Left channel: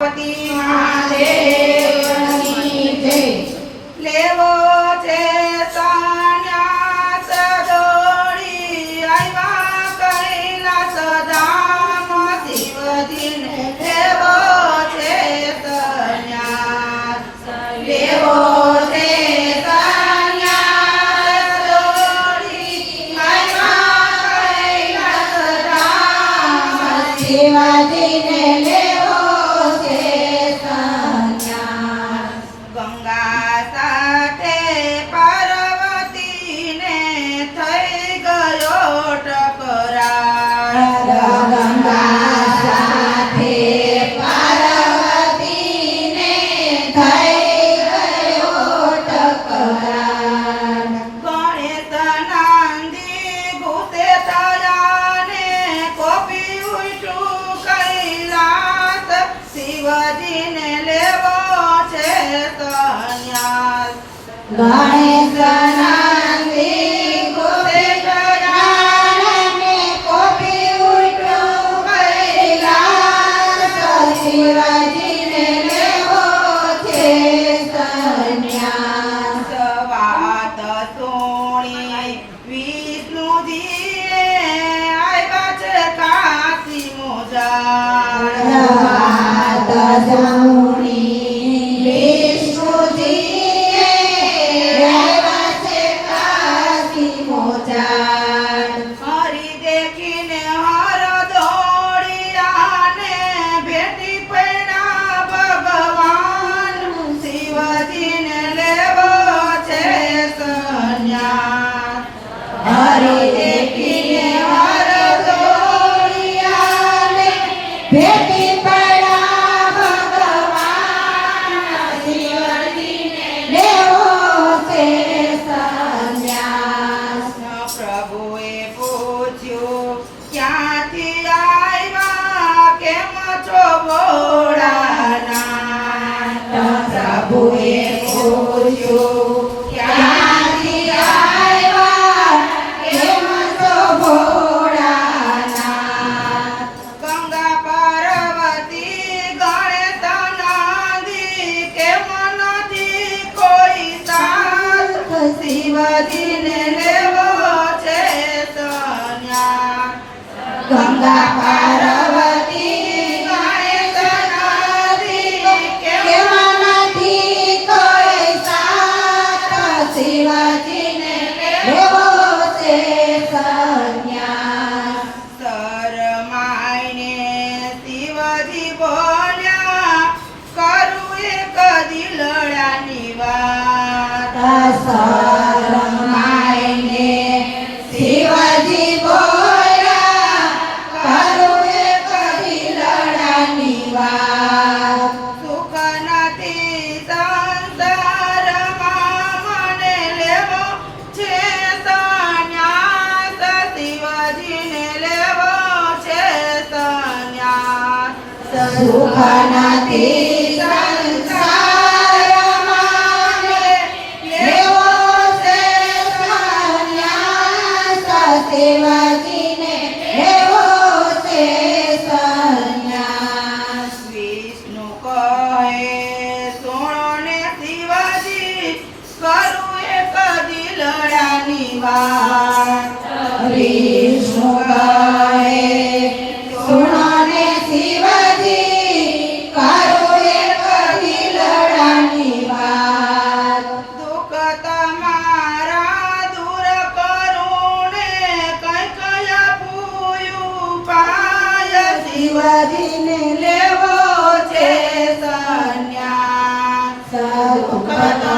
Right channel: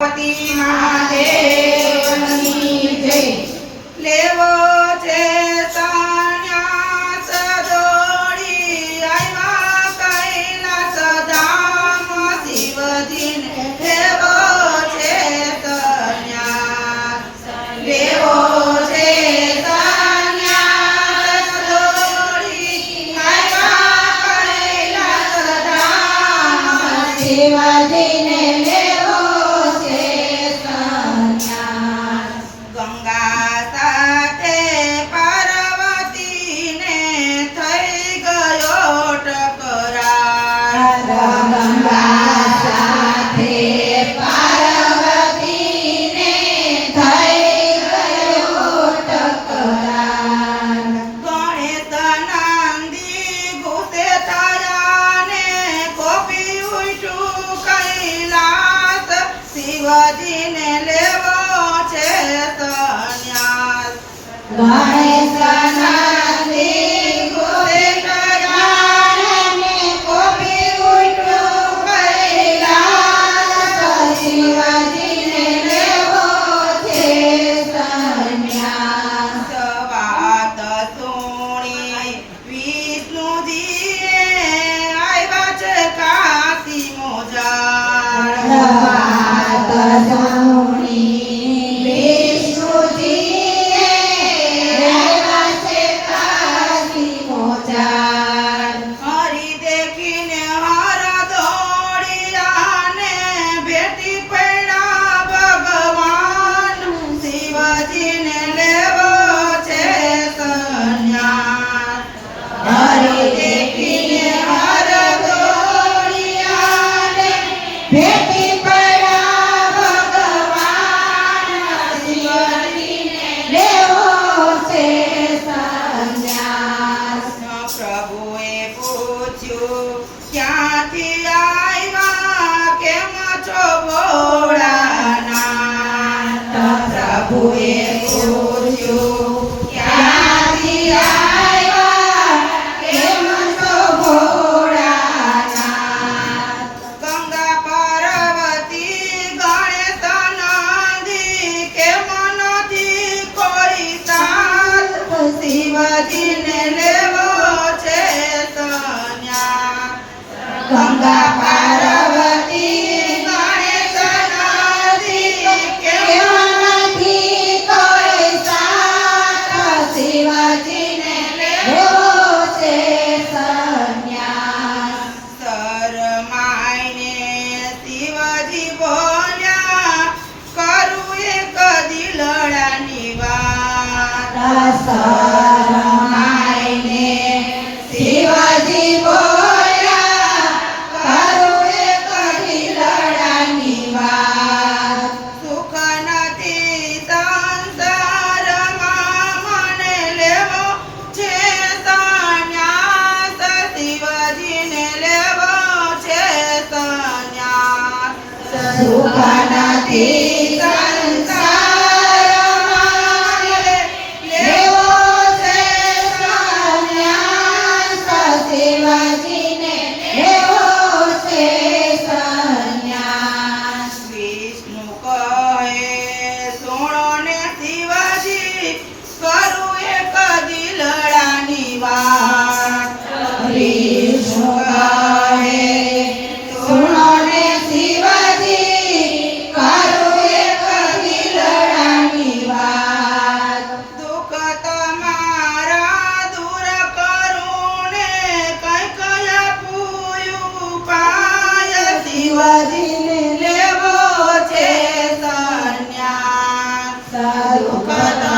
પતિ મહાદેવની લેવો છે સંન્યાસ દોડી આવ્યા કૈલાસ ધામ શિવજીને. લેવો છે સંન્યાસ લેવો છે સંન્યાસ દોડી આવ્યા કૈલાસ ધામ Wadi さあ、よかった。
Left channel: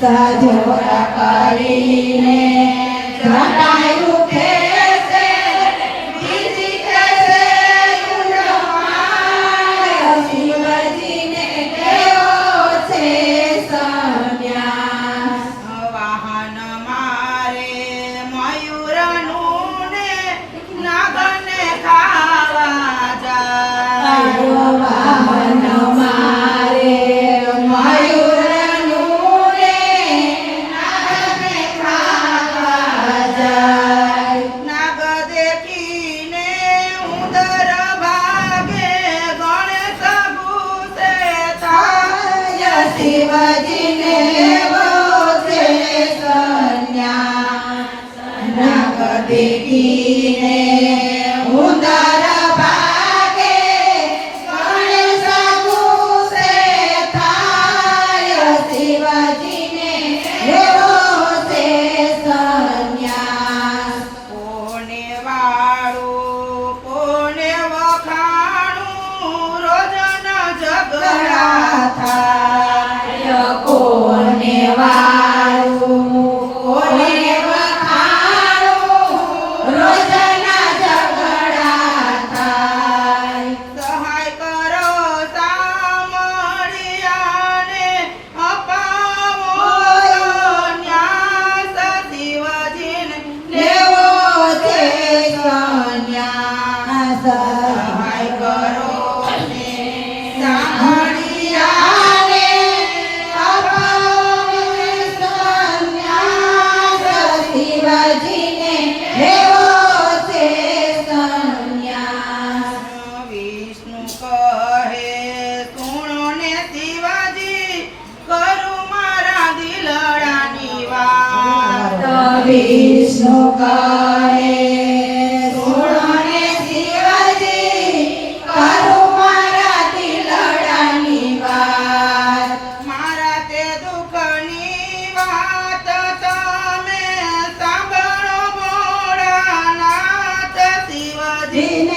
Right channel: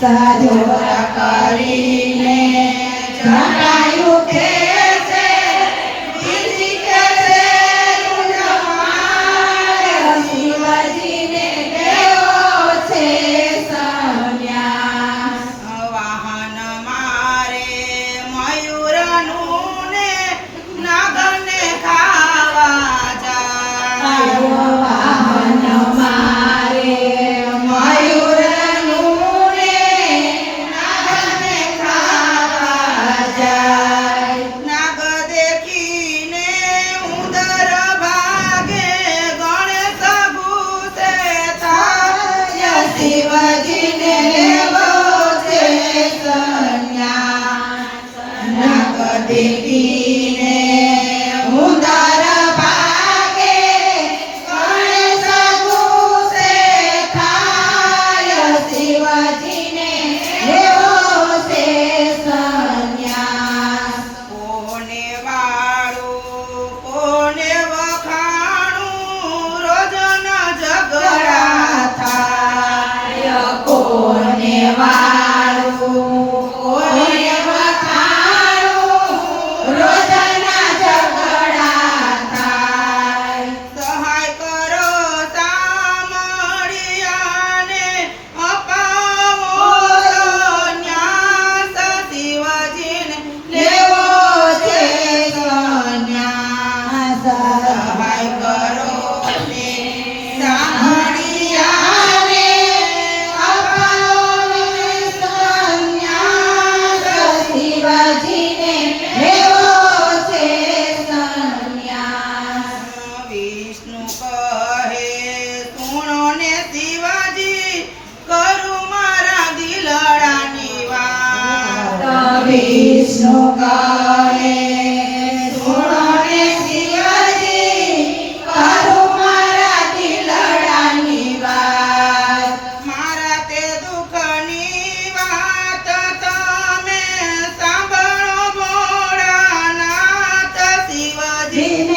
સંન્યાસ સજોર Happy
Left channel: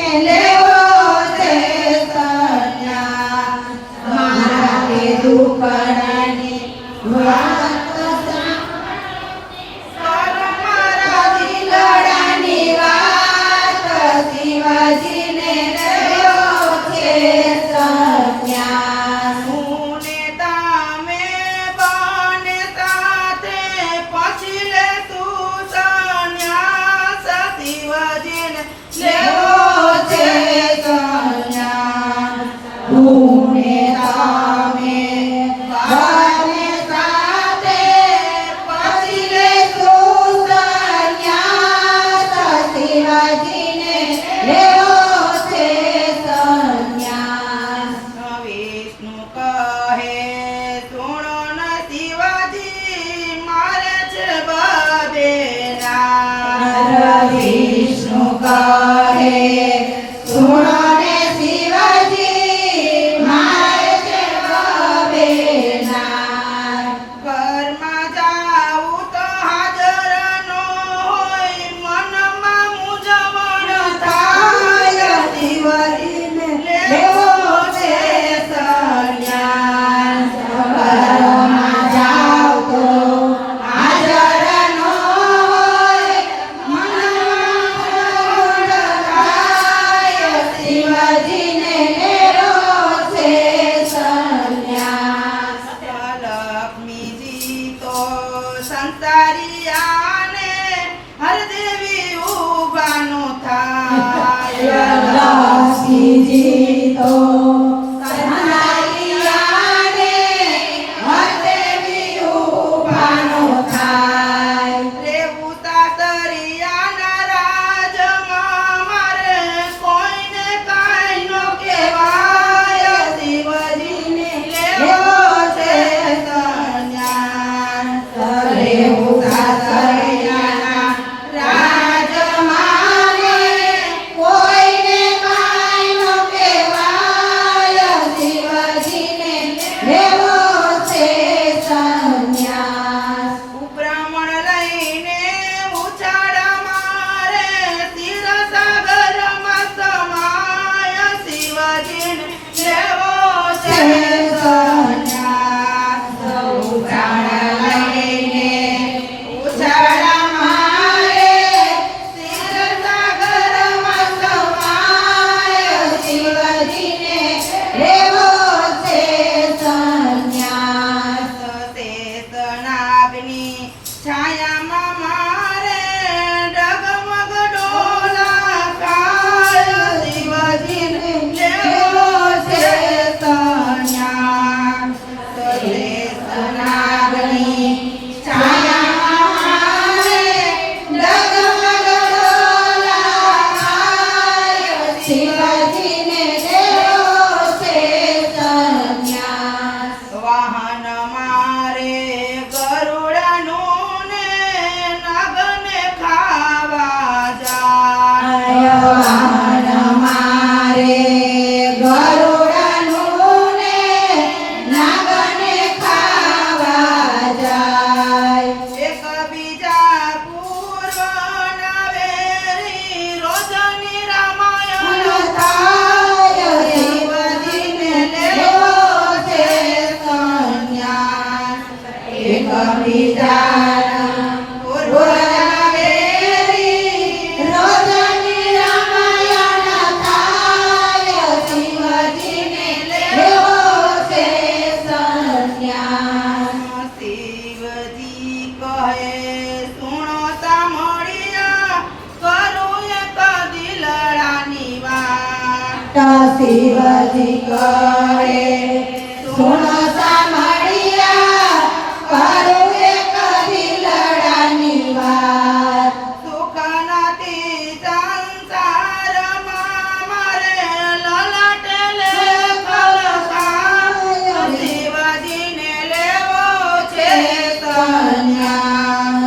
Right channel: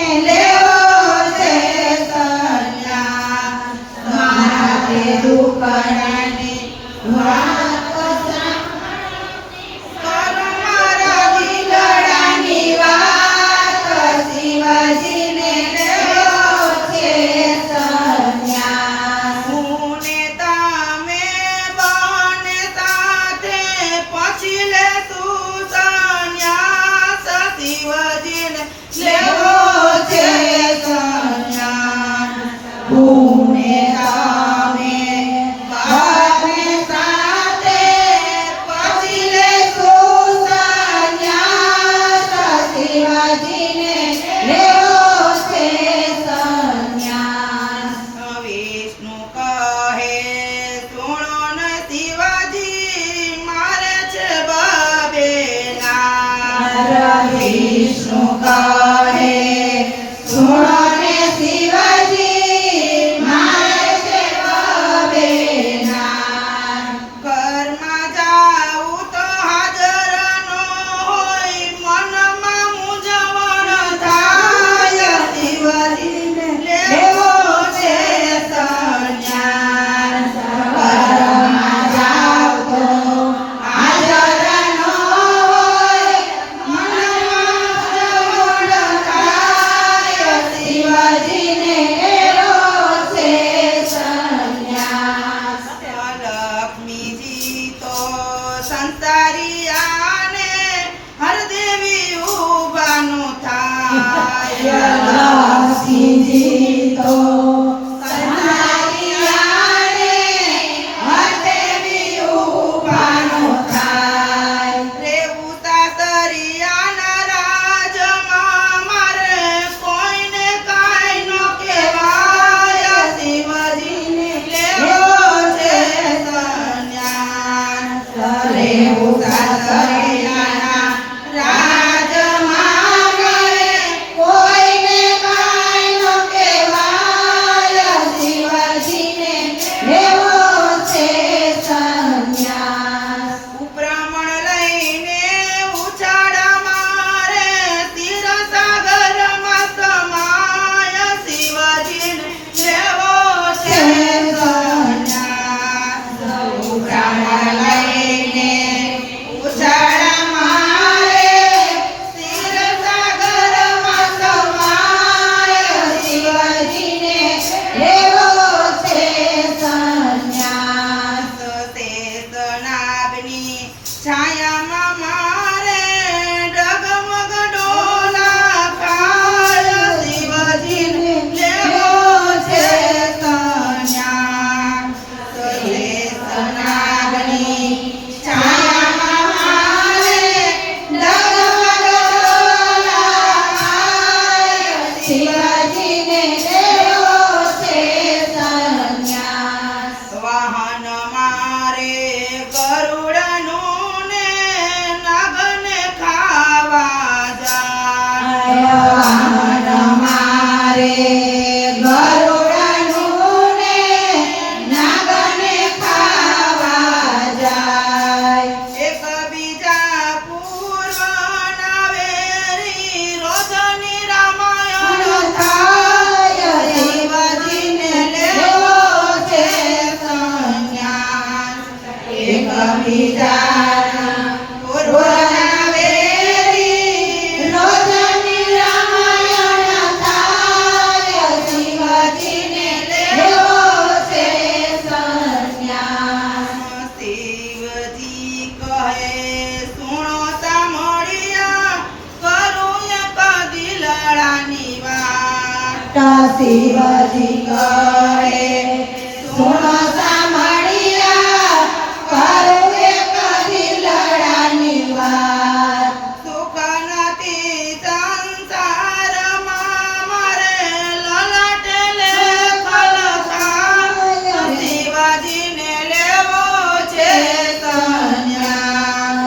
શિવજી શિવજી કરે સુનો સાંભળ્યા કરું એ કરી લડાની વાત? સુખ મારે લલટેલે કલકા શિવજીને લેવો છે કન્યા.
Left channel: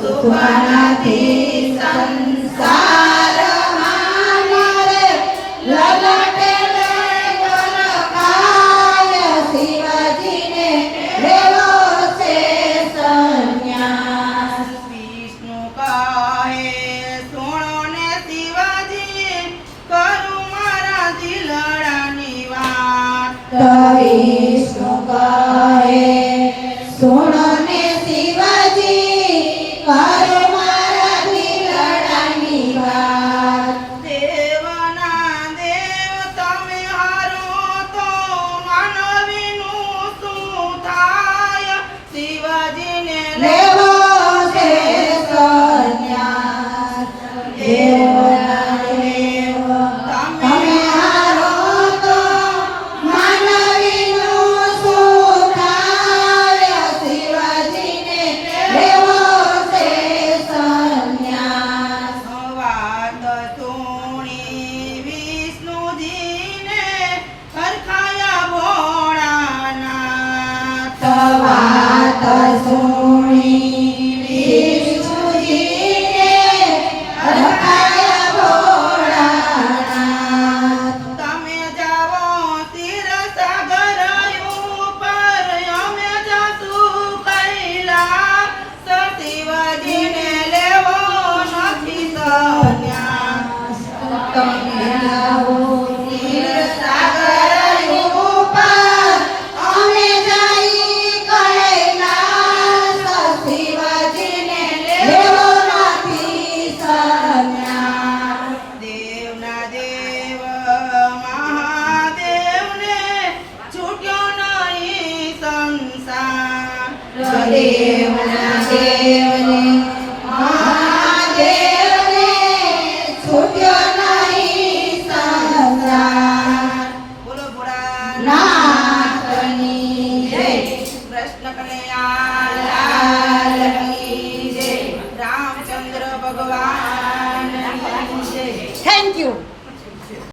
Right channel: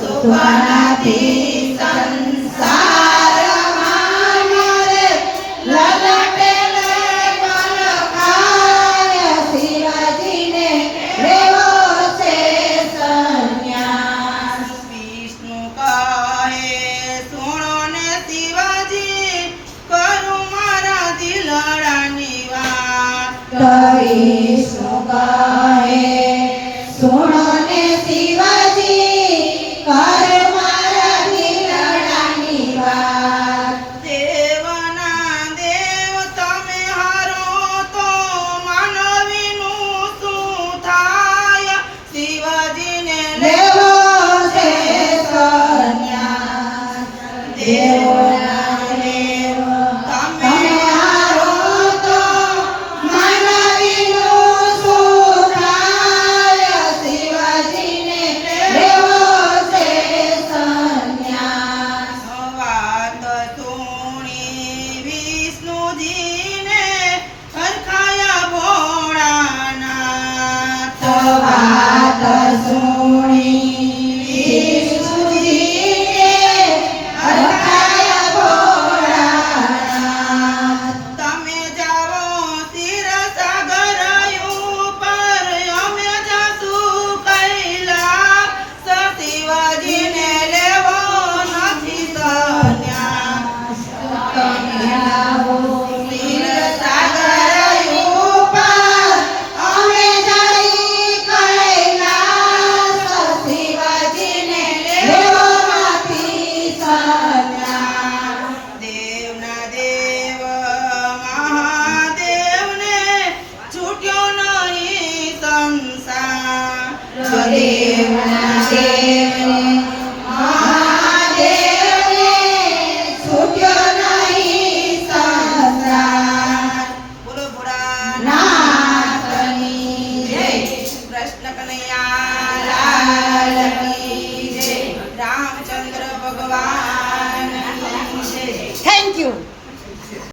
સુખ નથી Sonra